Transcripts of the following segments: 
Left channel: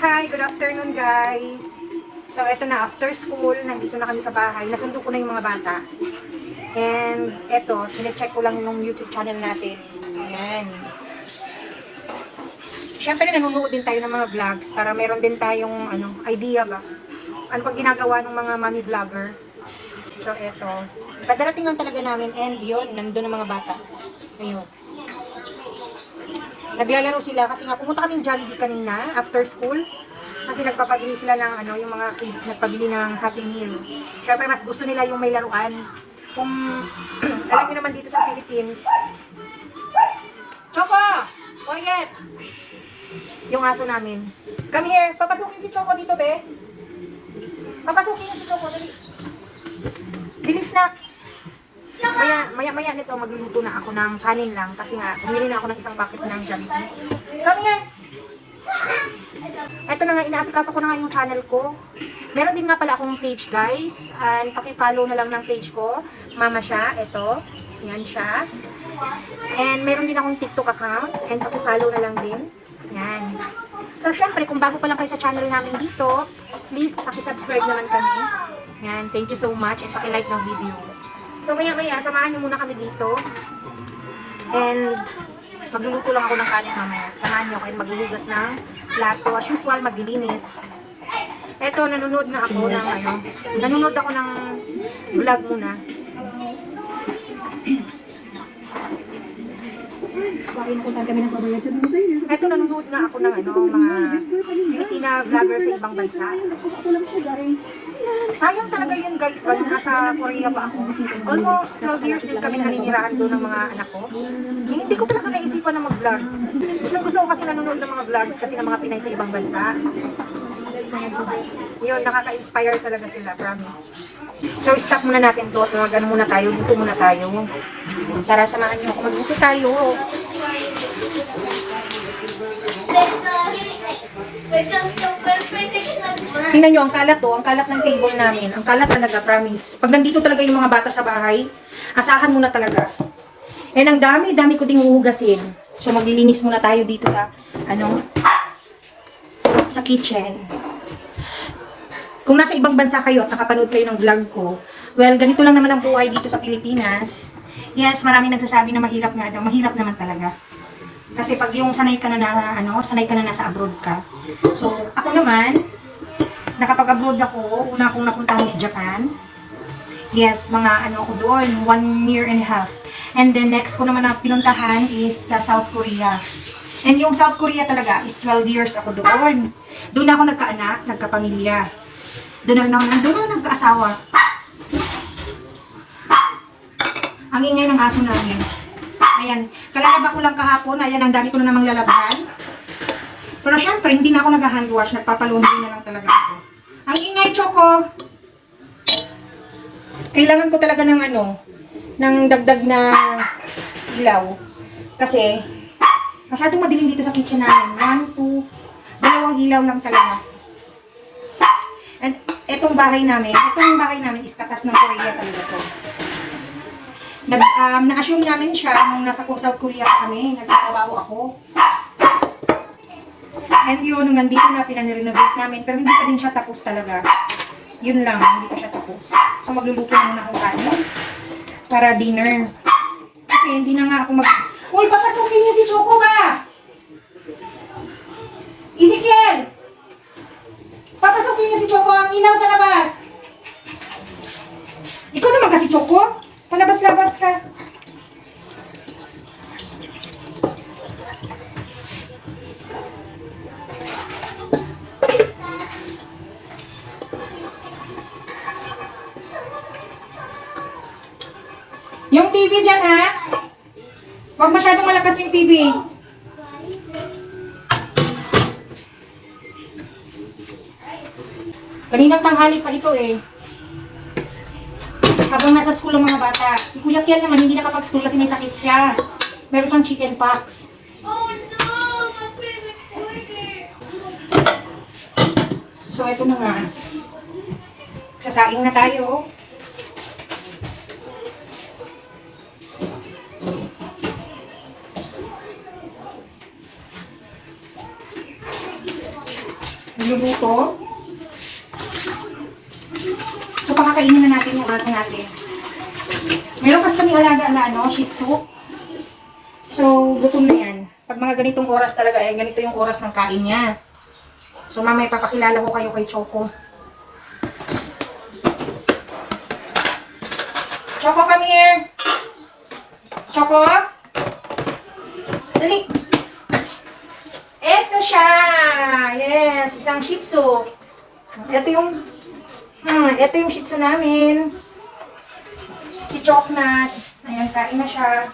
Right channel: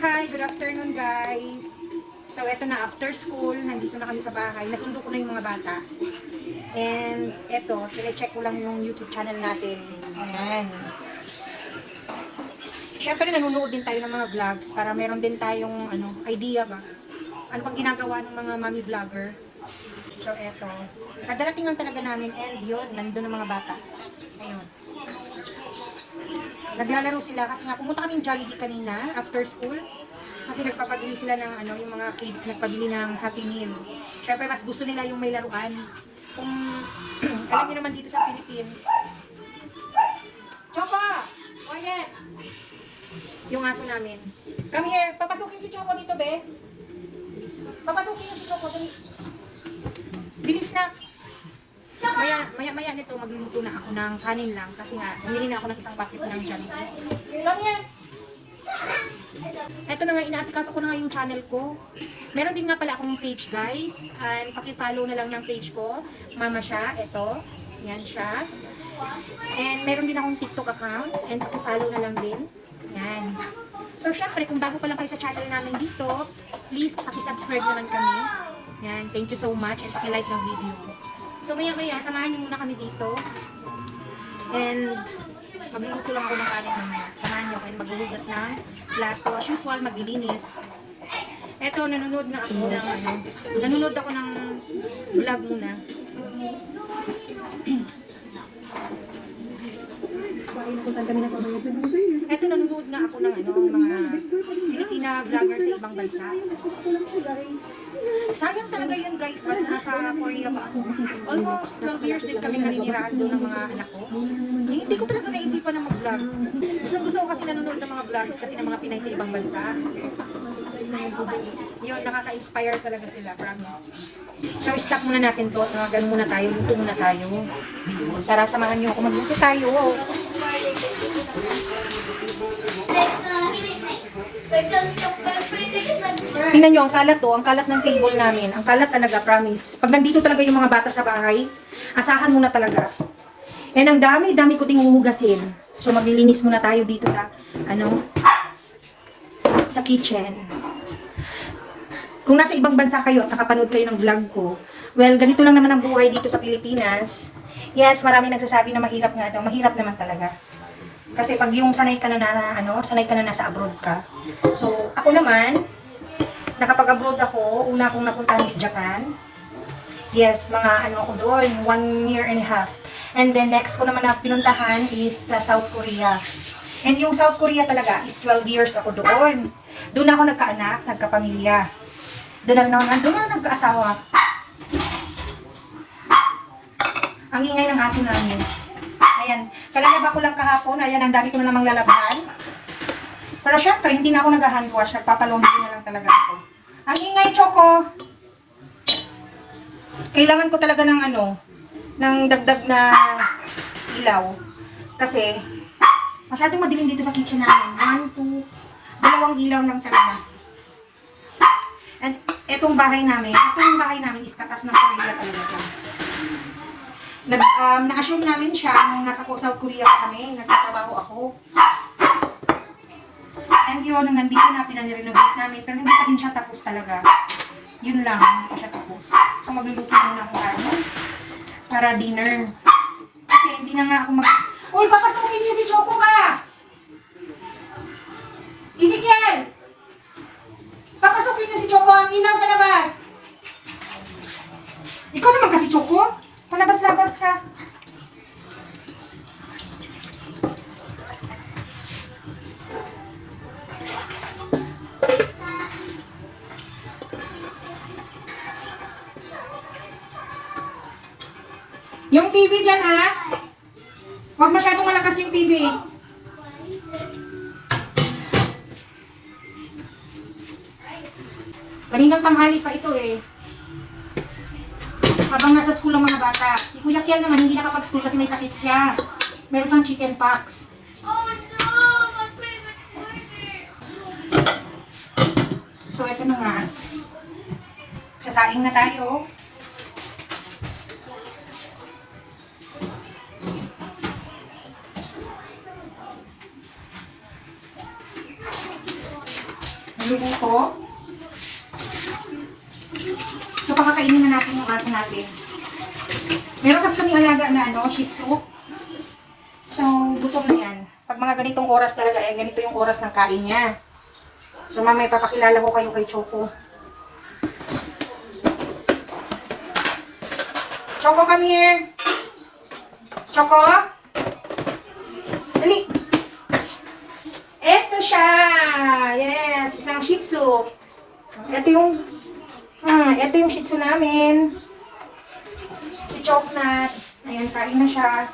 Hi, good afternoon guys. So eto na, after school, nandito na kami sa bahay. Nasundo ko na yung mga bata. And eto, sinecheck ko lang yung YouTube channel natin. Ayan. Siyempre nanonood din tayo ng mga vlogs para meron din tayong idea ba. Ano pang ginagawa ng mga mommy vlogger. So eto, kadarating lang talaga namin and yun, nandun ang mga bata. Ayun. Naglalaro sila kasi nga pumunta kaming Jollibee kanina after school. Kasi nagpapabili sila ng yung mga kids nagpabili ng Happy Meal. Syempre mas gusto nila yung may laruan. Kung alam niyo naman dito sa Philippines. Choco! Quiet! Yung aso namin. Come here, papasukin si Choco dito, be. Papasukin niyo si Choco, dali. Bilis na. Maya nito magluluto na ako ng kanin lang kasi nga bumili na ako ng isang bucket ng Jollibee. Come here! Eto na nga, inaasikaso ko na nga yung channel ko. Meron din nga pala akong page guys. And paki-follow na lang ng page ko. Mama siya, eto. Yan siya. And meron din akong TikTok account. And paki-follow na lang din. Yan. So syempre, kung bago pa lang kayo sa channel namin dito, please paki-subscribe naman kami. Yan, thank you so much. And paki-like ng video. So maya-maya, samahan niyo muna kami dito. And magluluto lang ako ng kanin mamaya. Samahan niyo kayo maghuhugas ng plato. As usual, maglilinis. Eto, nanonood na ako ng nanonood ako ng vlog muna. Eto, nanonood na ako ng mga Filipina vlogger sa ibang bansa. Sayang talaga yun guys, bali nasa Korea pa ako. Almost 12 years din kami naninirahan doon ng mga anak ko. Hindi ko talaga naisipan na mag-vlog. Gusto ko kasi nanonood ng mga vlogs kasi ng mga Pinay sa ibang bansa. Yun, nakaka-inspire talaga sila, promise. So, stop muna natin to. Mag-ano muna tayo, dito muna tayo. Para samahan nyo ako, magbuti tayo. Tingnan nyo, ang kalat to, ang kalat ng table namin. Ang kalat talaga, promise. Pag nandito talaga yung mga bata sa bahay, asahan muna talaga. And ang dami ko ding huhugasin. So maglilinis muna tayo dito sa, sa kitchen. Kung nasa ibang bansa kayo at nakapanood kayo ng vlog ko, well, ganito lang naman ang buhay dito sa Pilipinas. Yes, marami nagsasabi na mahirap nga daw. Mahirap naman talaga. Kasi pag yung sanay ka na nasa abroad ka. So, ako naman, nakapag-abroad ako, una akong napuntahan is Japan. Yes, mga ako doon, 1 year and a half. And then next ko naman na pinuntahan is sa South Korea. And yung South Korea talaga is 12 years ako doon. Doon ako nagkaanak, nagkapamilya. Doon ako nagkaasawa. Ang ingay ng aso namin. Ayan, kalalaba ko lang kahapon. Ayan, ang dami ko na namang lalabahan. Pero syempre, hindi na ako nag-handwash. Nagpapalaundry na lang talaga ako. Ang ingay, Choco. Kailangan ko talaga ng ng dagdag na ilaw. Kasi, masyadong madilim dito sa kitchen namin. 1, 2, 2 ilaw lang talaga. And itong bahay namin is katas ng Korea talaga ito. Na-assume namin siya nung nasa South Korea kami, nagtatrabaho ako. And yun, nung nandito na, pinanirenovate namin, pero hindi pa din siya tapos talaga. Yun lang, hindi pa siya tapos. So magluluto muna akong kanin para dinner. Kasi hindi na nga ako Uy, papasukin niyo si Choco ba? Ezekiel! Papasukin niyo si Choco, ang inaw sa labas. Ikaw naman kasi Choco. Palabas-labas ka. Yung TV dyan ha. Huwag masyadong malakas yung TV. Kaninang tanghali pa ito eh. Habang nasa school ang mga bata. Si Kuya Kiel naman hindi nakapag-school kasi may sakit siya. Meron siyang chicken pox. Oh no! My favorite burger! So ito na nga. Sasaing na tayo. nagluluto. So, pakakainin na natin yung aso natin. Meron kasi kami alaga na Shih Tzu. So, gutom na yan. Pag mga ganitong oras talaga, ganito yung oras ng kain niya. So, mamaya papakilala ko kayo kay Choco. Choco, come here. Choco? Dali. Ito siya. Yes, isang Shih Tzu. Ito yung Shih Tzu namin. Si Choknat. Ayan, kain na siya.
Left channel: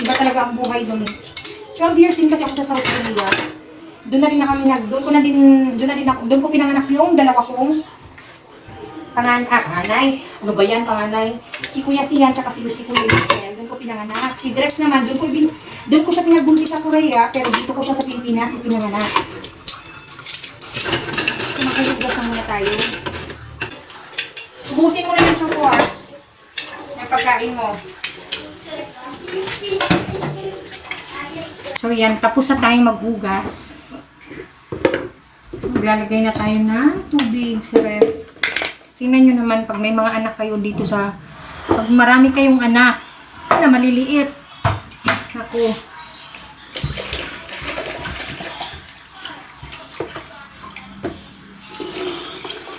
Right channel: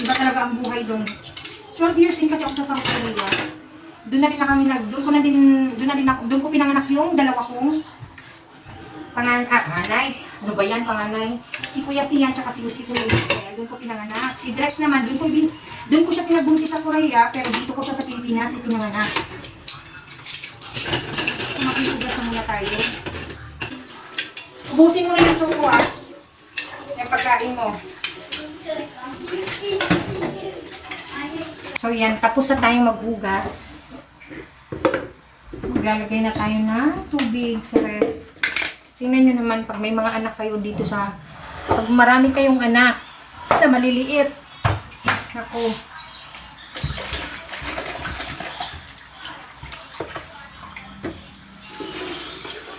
Iba talaga ang buhay doon. 12 years din kasi ako sa South Korea. Doon ko pinanganak yung dalawa kong panganay. Ano ba yan, panganay? Si Kuya Sian, tsaka si Kuya Israel. Doon ko pinanganak. Si Drex naman, doon ko siya pinagbuntis sa Korea, pero dito ko siya sa Pilipinas pinanganak. Makikigas na muna tayo. Ubusin mo na yung Choco, yung pagkain mo. So yan, tapos na tayong maghugas. Maglalagay na tayo ng tubig sa ref. Tingnan nyo naman pag may mga anak kayo dito pag marami kayong anak na maliliit. Ako.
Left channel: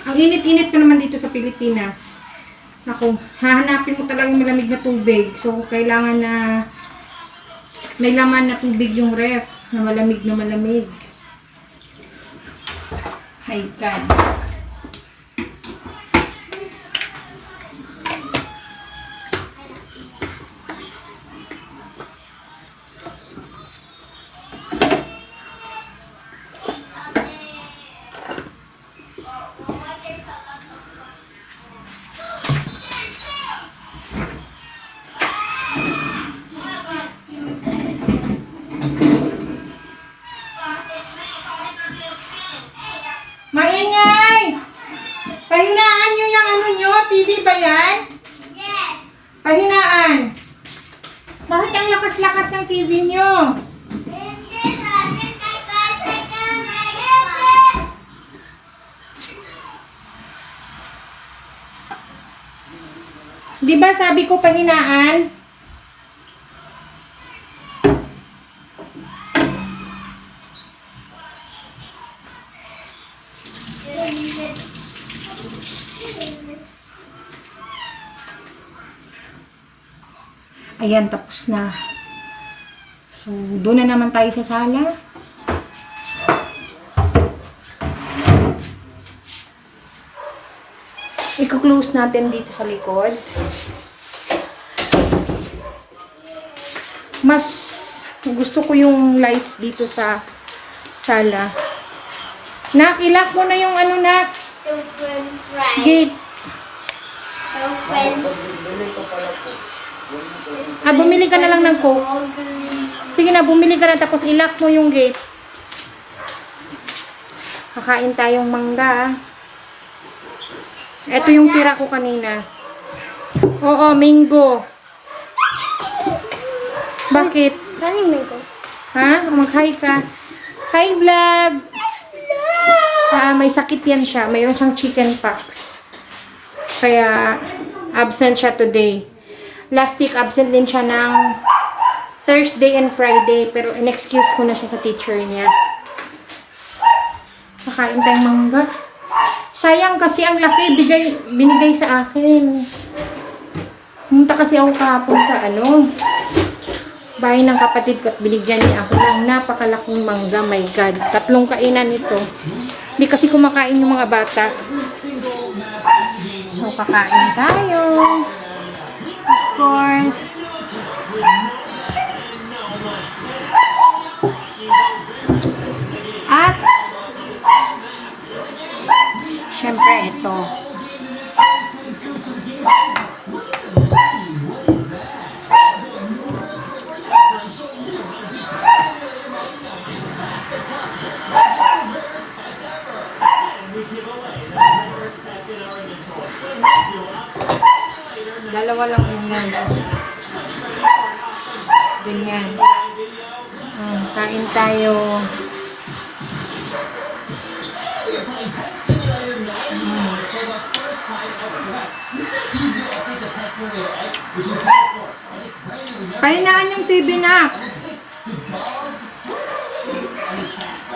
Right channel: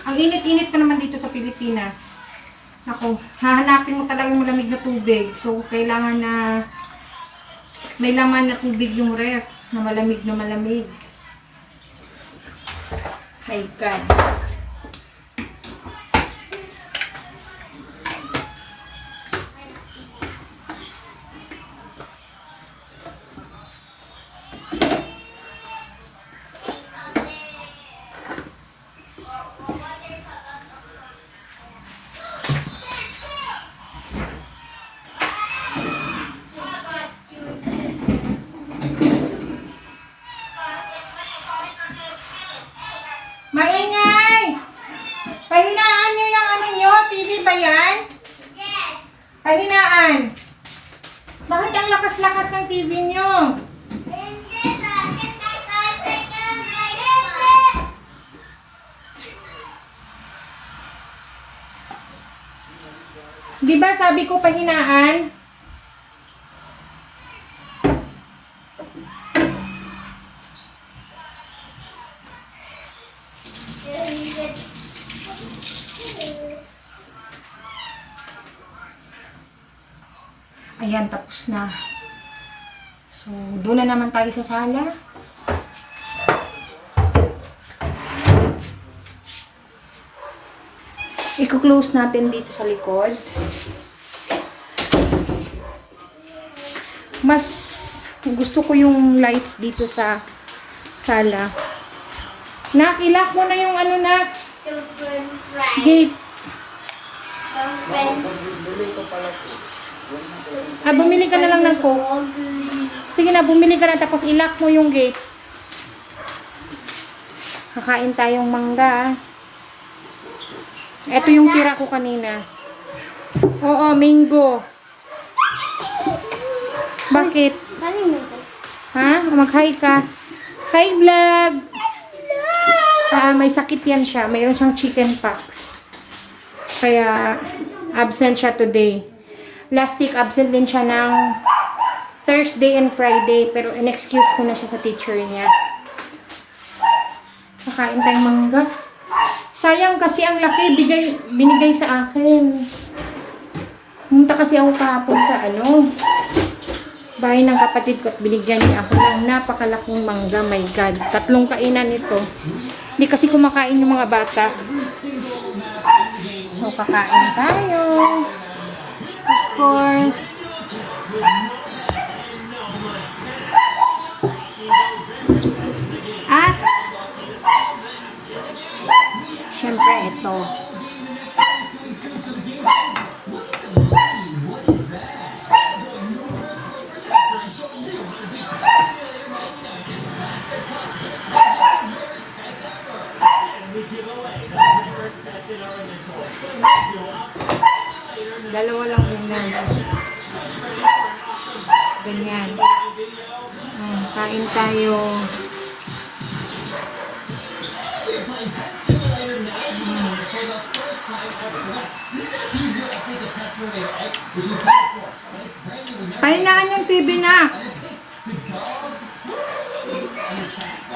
Ang init-init pa naman dito sa Pilipinas. Ako, hahanapin mo talagang malamig na tubig. So, kailangan na may laman na tubig yung ref na malamig na malamig. My God. Maingay! Pahinaan nyo yung ano nyo? TV ba yan? Yes! Pahinaan! Bakit ang lakas-lakas ng TV nyo? Di ba sabi ko pahinaan? Ayan, tapos na. So, doon na naman tayo sa sala. I-close natin dito sa likod. Mas gusto ko yung lights dito sa sala. Nakilak mo na yung ano na gate. Bumili ka na lang ng Coke. Sige na, bumili ka na tapos ilock mo yung gate. Kakain tayong mangga. Ito yung tira ko kanina. Oo, mango. Bakit? Ha? Mag-hi ka. Hi, vlog! May sakit yan siya. Mayroon siyang chicken pox. Kaya, absent siya today. Last week, absent din siya ng Thursday and Friday. Pero in-excuse ko na siya sa teacher niya. Kakain tayong mangga. Sayang kasi ang laki binigay sa akin. Pumunta kasi ako kahapon sa bahay ng kapatid ko at binigyan niya ako ng napakalaking mangga. My God. 3 kainan nito. Hindi kasi kumakain yung mga bata. So, kakain tayo. Of course. At syempre ito. Dalawa lang yan. Ganyan. Kain tayo. Pahinaan yung TV, Nak.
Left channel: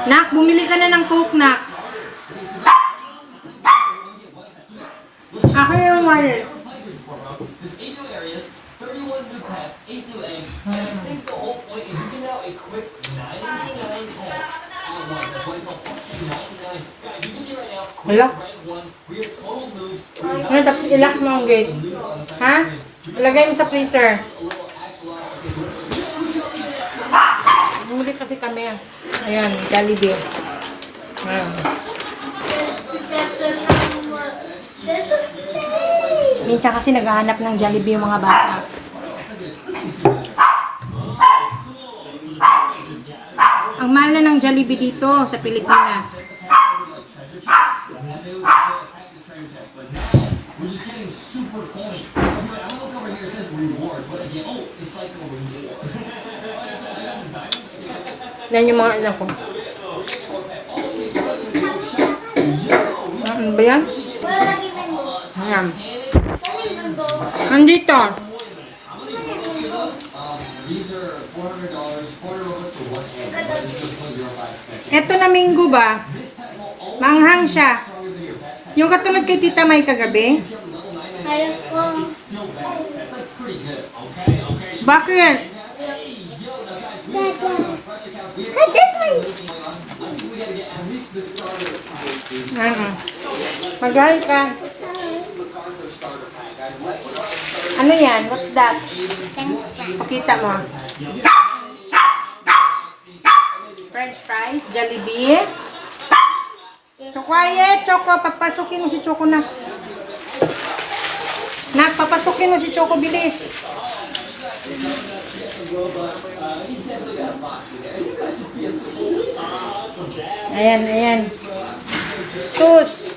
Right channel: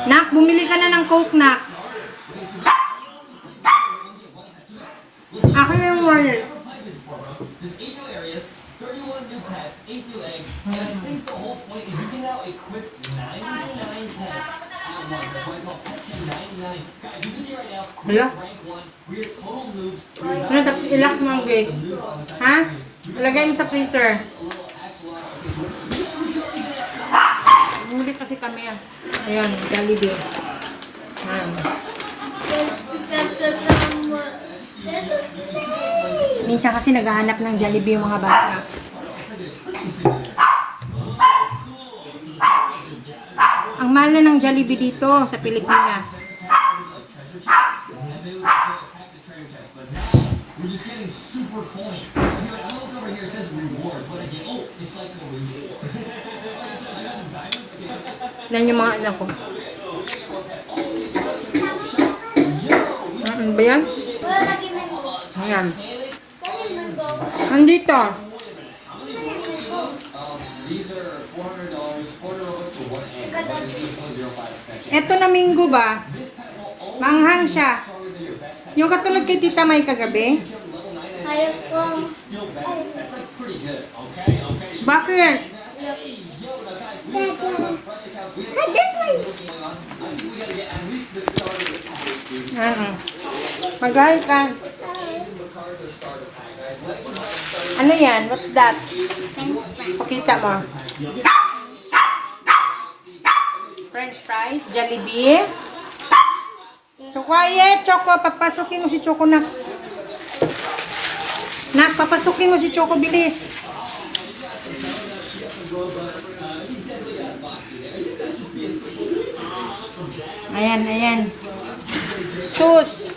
Nak, bumili ka na ng Coke, Nak. Ako na yung wallet. Hala? Ano, tapos ilock mo ang gate. Ha? Ilagay mo sa freezer. Bumili kasi kami. Ayan, Jollibee. Minsan kasi naghahanap ng Jollibee yung mga bata. Ang mahal na ng Jollibee dito sa Pilipinas. Yan yung mga anak ko. Ano ba yan? Ayan. Andito. Ito na minggo ba? Manghang siya. Yung katulad kay Tita May kagabi. Ayaw ko. Bakit? Ano? Magay ka. Ano yan? What's that? Pakita mo. French fries, Jollibee. Quiet, Choco. Papasukin mo si Choco na. Nak, papasukin mo si Choco, bilis. Ayan, ayan. Sus.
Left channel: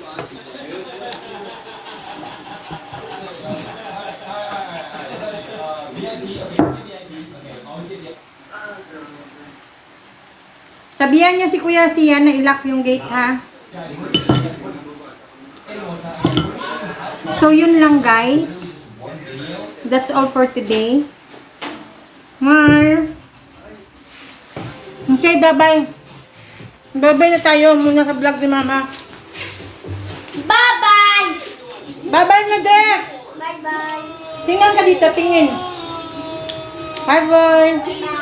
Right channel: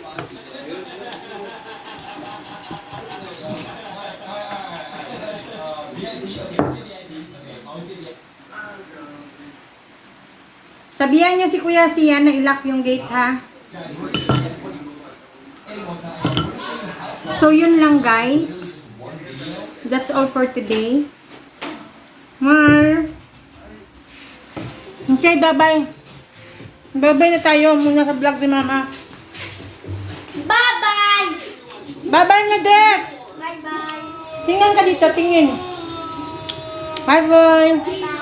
Sabihan niyo si Kuya Sian na ilock yung gate, ha? So, yun lang, guys. That's all for today. Okay, bye-bye. Bye-bye na tayo muna sa vlog ni Mama. Bye-bye! Bye-bye, Medret! Bye-bye! Tingnan ka dito, tingin. Bye-bye! Bye-bye!